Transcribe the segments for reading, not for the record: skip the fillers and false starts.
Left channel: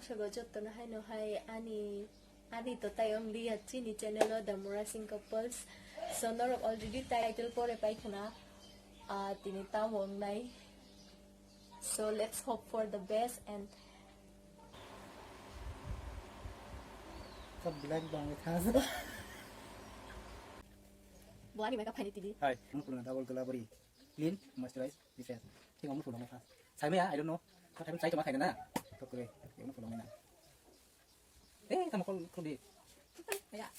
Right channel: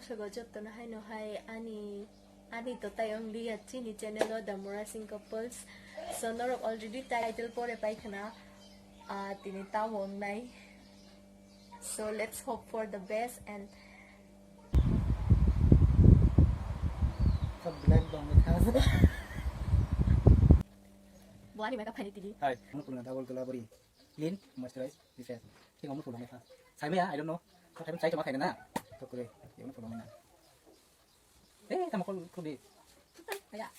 Sago Joto na hay no hay ani to tayong lihat ni channel The Murasing Couples. So norok already title pore paikana tinitawon nai. So let's hope for the best and Black bang with has. buani mereka panitili. Hi, I'm going to double collaborate. Clean, moisturize, refresh. Think I'm going to have. Sai me I don't know. Có thể sai cho mà thầy nè. Tôi cười. Điều nó phụ lòng này nè. Ê, thằng một con đi. Đây ạ.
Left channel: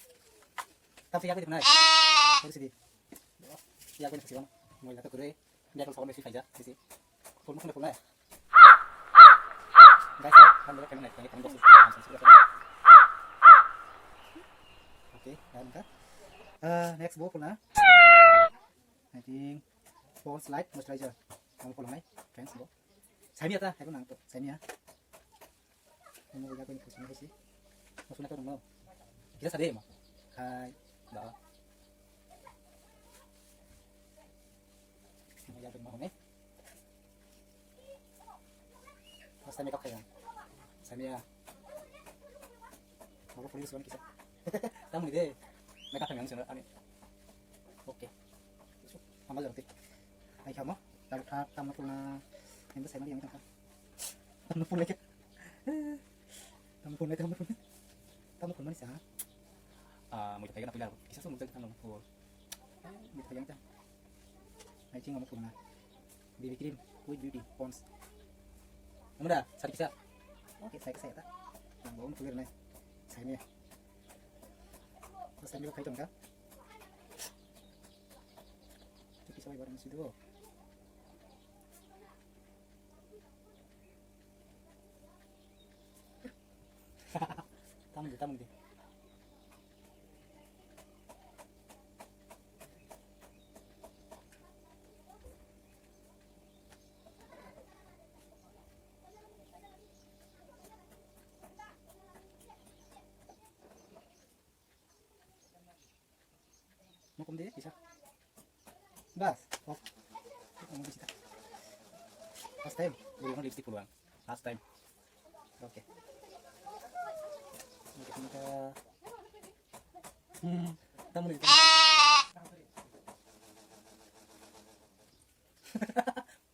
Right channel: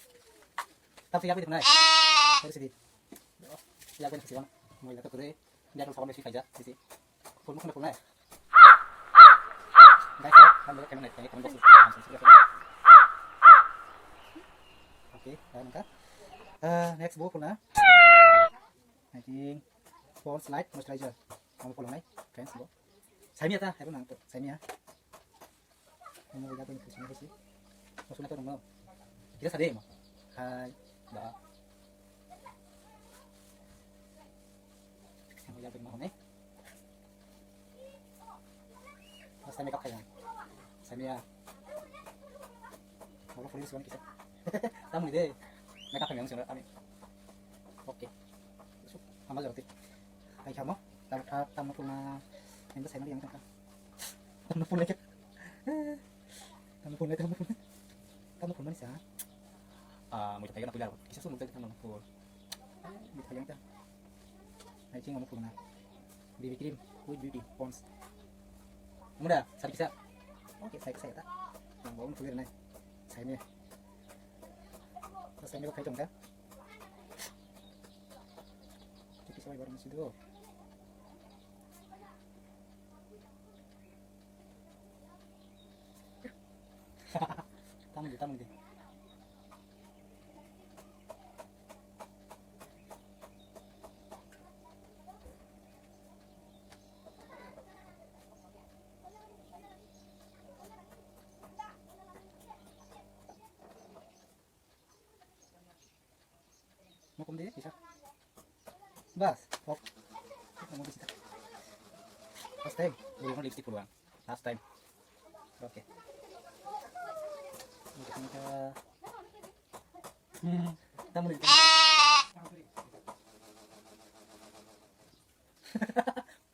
Tao sẽ yapayım này. Hadi sini. Ya ben kesian. Mulai tak kure. Dia kalau sama mesti saja. Sisi. Pun mungkin pun lah. Guys, kan boleh kena naik kan box. Oke, dan kan. Next book pun lah. I think for slide moisturizer. Kamu pulang naik. Friends, book. Saya ta, hai nang to. Saya Kamu udah pengen kesini sih. Maksudnya tuh mau. Kita sadar mah. Hai, dah. Kamu udah pengen mau nih. Mas makeup kayak. Saya mau full sih kisah. Tamu deh. Makeup yang sih ani. Oke. Besok tambah lagi. Hai kamu. Tamu punya yang saya yang tangkap. Tamu pun lagi. Tamu pun mana sih? Mau kita nak pulang. Kisah semua kita tamu pun. Mau kita yang tang. Hai cing kamu pun mana? BB cream, with beauty, Pond's. Kamu dah, satu kisah. Oke, saya tak. Yang bawa full nih. Saya ni. Terus saya pakai jongka. Kisah barang masih dulu. Tamu deh. Mau kemana bisa? Bas, hop. Mau bisa. Last time, boleh lipstick puluhan. Last time. Oke. Kita tamu nih.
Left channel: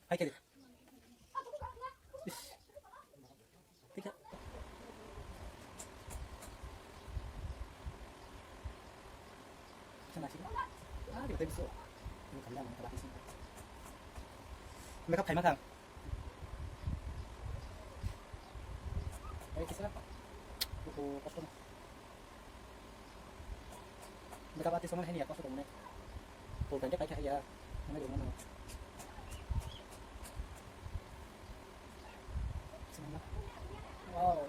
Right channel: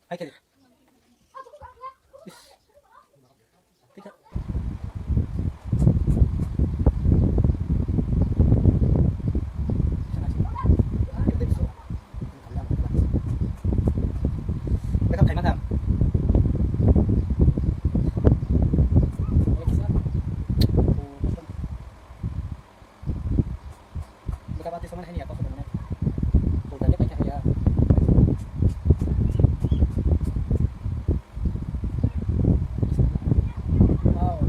Hai kali. Tiga. Mereka thầy mang thằng. Mereka pasti sama ini ya, kok sudah mana? Polanya pakai ya. Wow.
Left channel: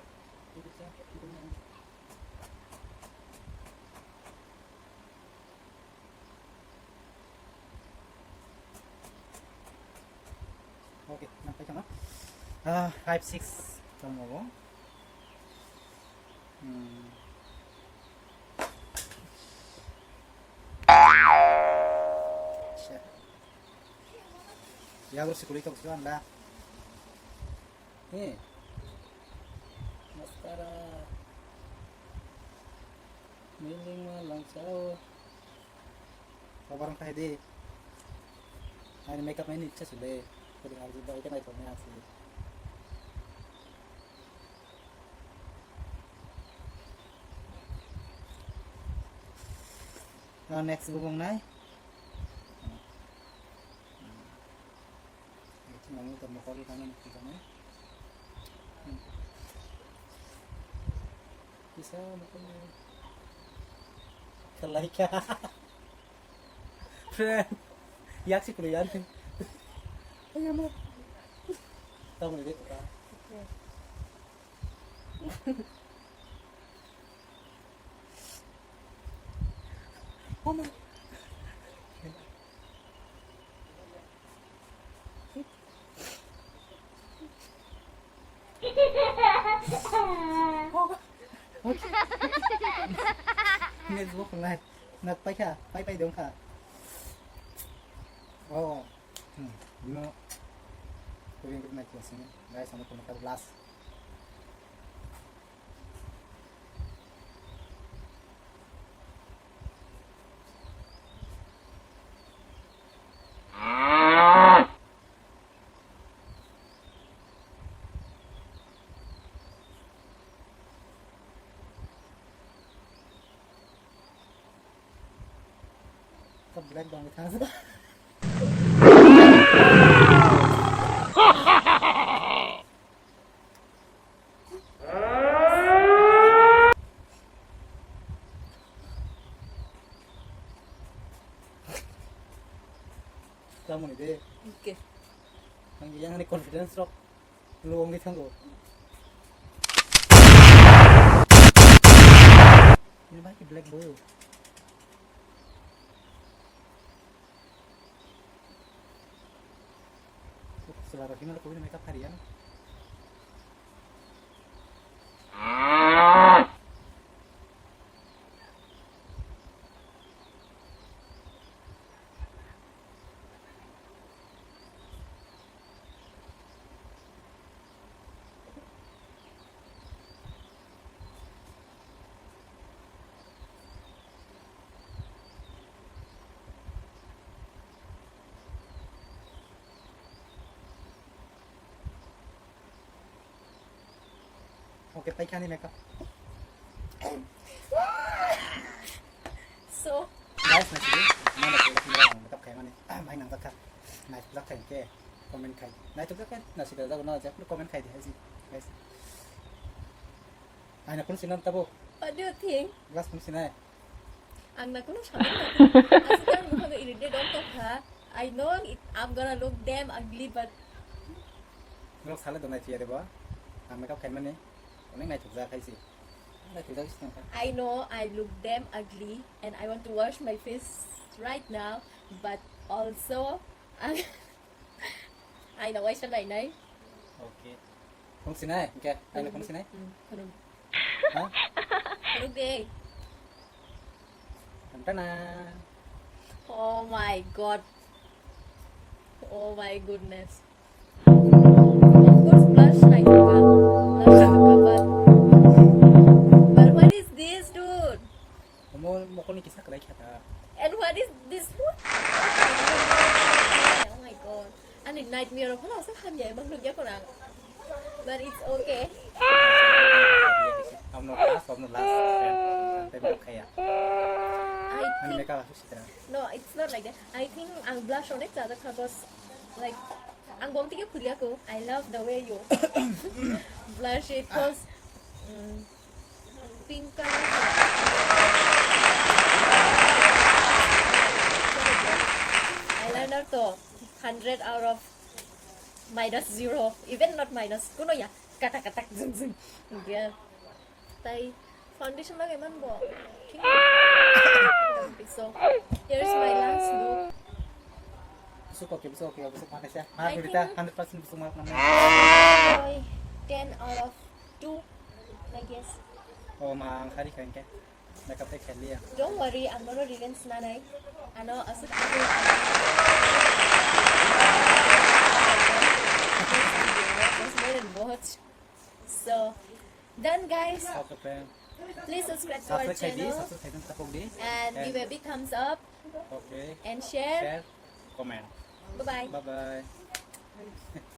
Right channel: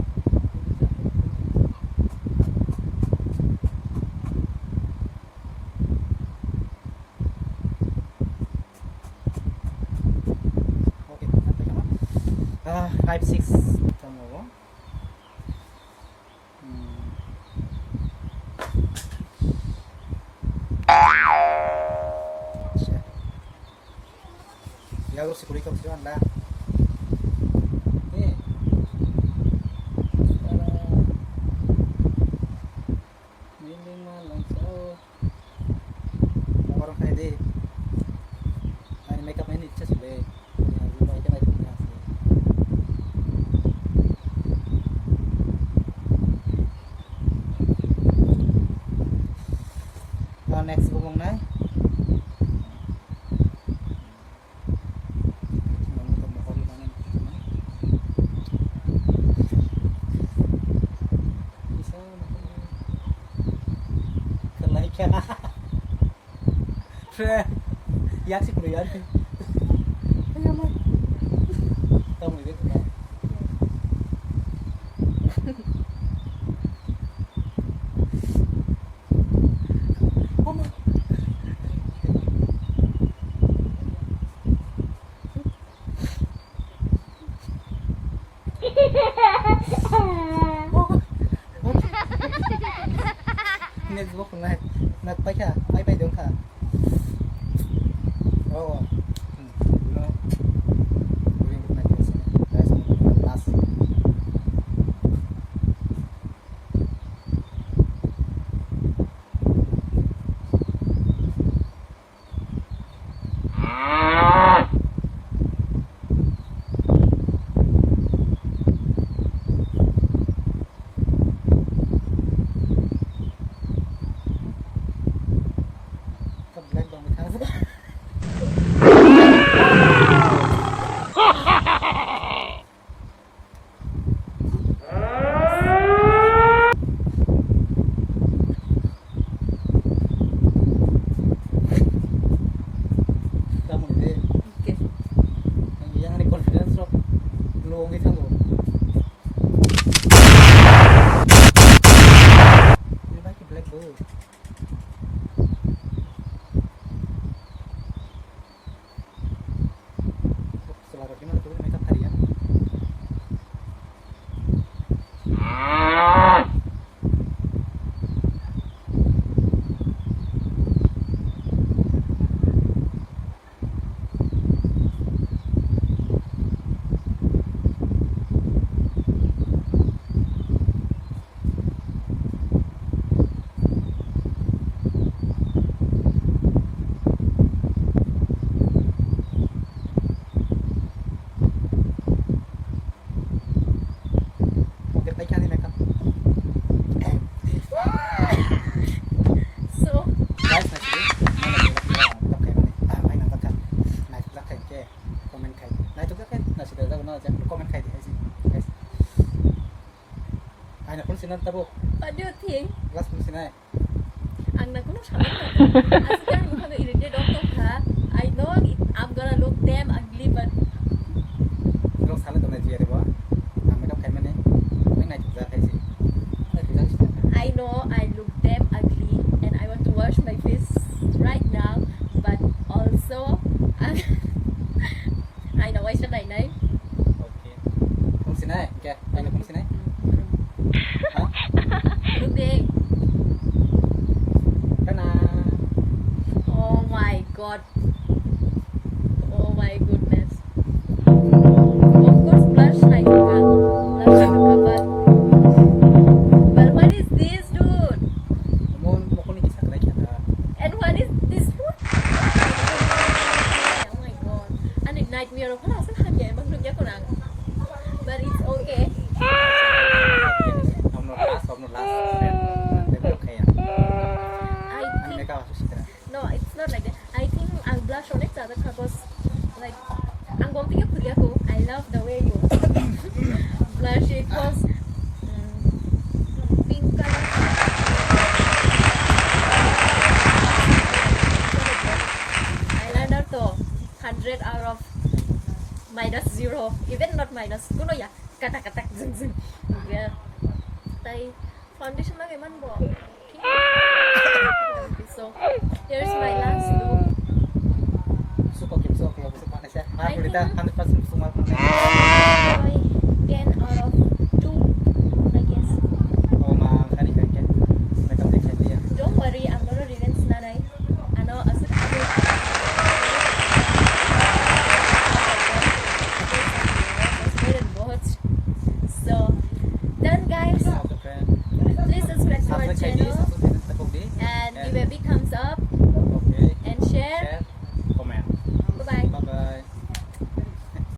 Oke, sampai kemana? 5-6 tomorrow. Ya harus kulit kamu sudah anda. Nih. Sekarang miling malang sao. Mau orang kayak deh. Ini makeup ini cuma sudah. Boleh harus juga itu naik punya sih. Next ngomong naik. Kelaikan. Yak sih kuliah. Ayo mah. Tahu ni dia. Mama. Next book na nagpay ka, ay dong ka. Oo. Dilo. Kuring kita na kasi. Guys, last. yang ini confidence rock nuang di tanggo ini baik black bird selera gimana tuh makeup harian oke baik kan makeup So, guys nasi mana boleh kayak mana main nang kan naik belak kayak ke komen kayak nah itu kan nasi dah tahu aja komen kayak sih guys anak pun sinar tabu what do you think? kelas pun sinar Ang nakuno siya. As kan mo kang irritated ako ha. I know I'm gonna look damn ugly but Kalau salah tuh naji ada bawa, makeup kayak mana? Mana naik juga kayak sih, naik juga sih. I know I look damn ugly and I want to wash my face right now but also I know why should I know? Oke, pun sini, oke, ayo pun sini. Hah? Look day. Tana. Oh my god. Oh my goodness. Of course blush na juga. Blush na juga but what is this dude? Mau kuning kisah lagi ada. And what is this food? Oh my god. Anh định nightmare nó là sắp ham vậy bằng được giá của nàng. But it's okay. Om not last. Tapi oke ya. I Ini think mereka harus istirahat. no, it's not like that. I think ang blush on it ada because like ang gomti ka puli ako. I love the way you blush it because pink color. Eyeliner to 100 out of -0, even not minus. Kuno ya, katak-katak zeng zeng. Yeah. Tay foundation lagi man bo. So here's my last look. Suka gitu, oke, besok panas ya. I Kita think- 100% semua panas. I 10 out of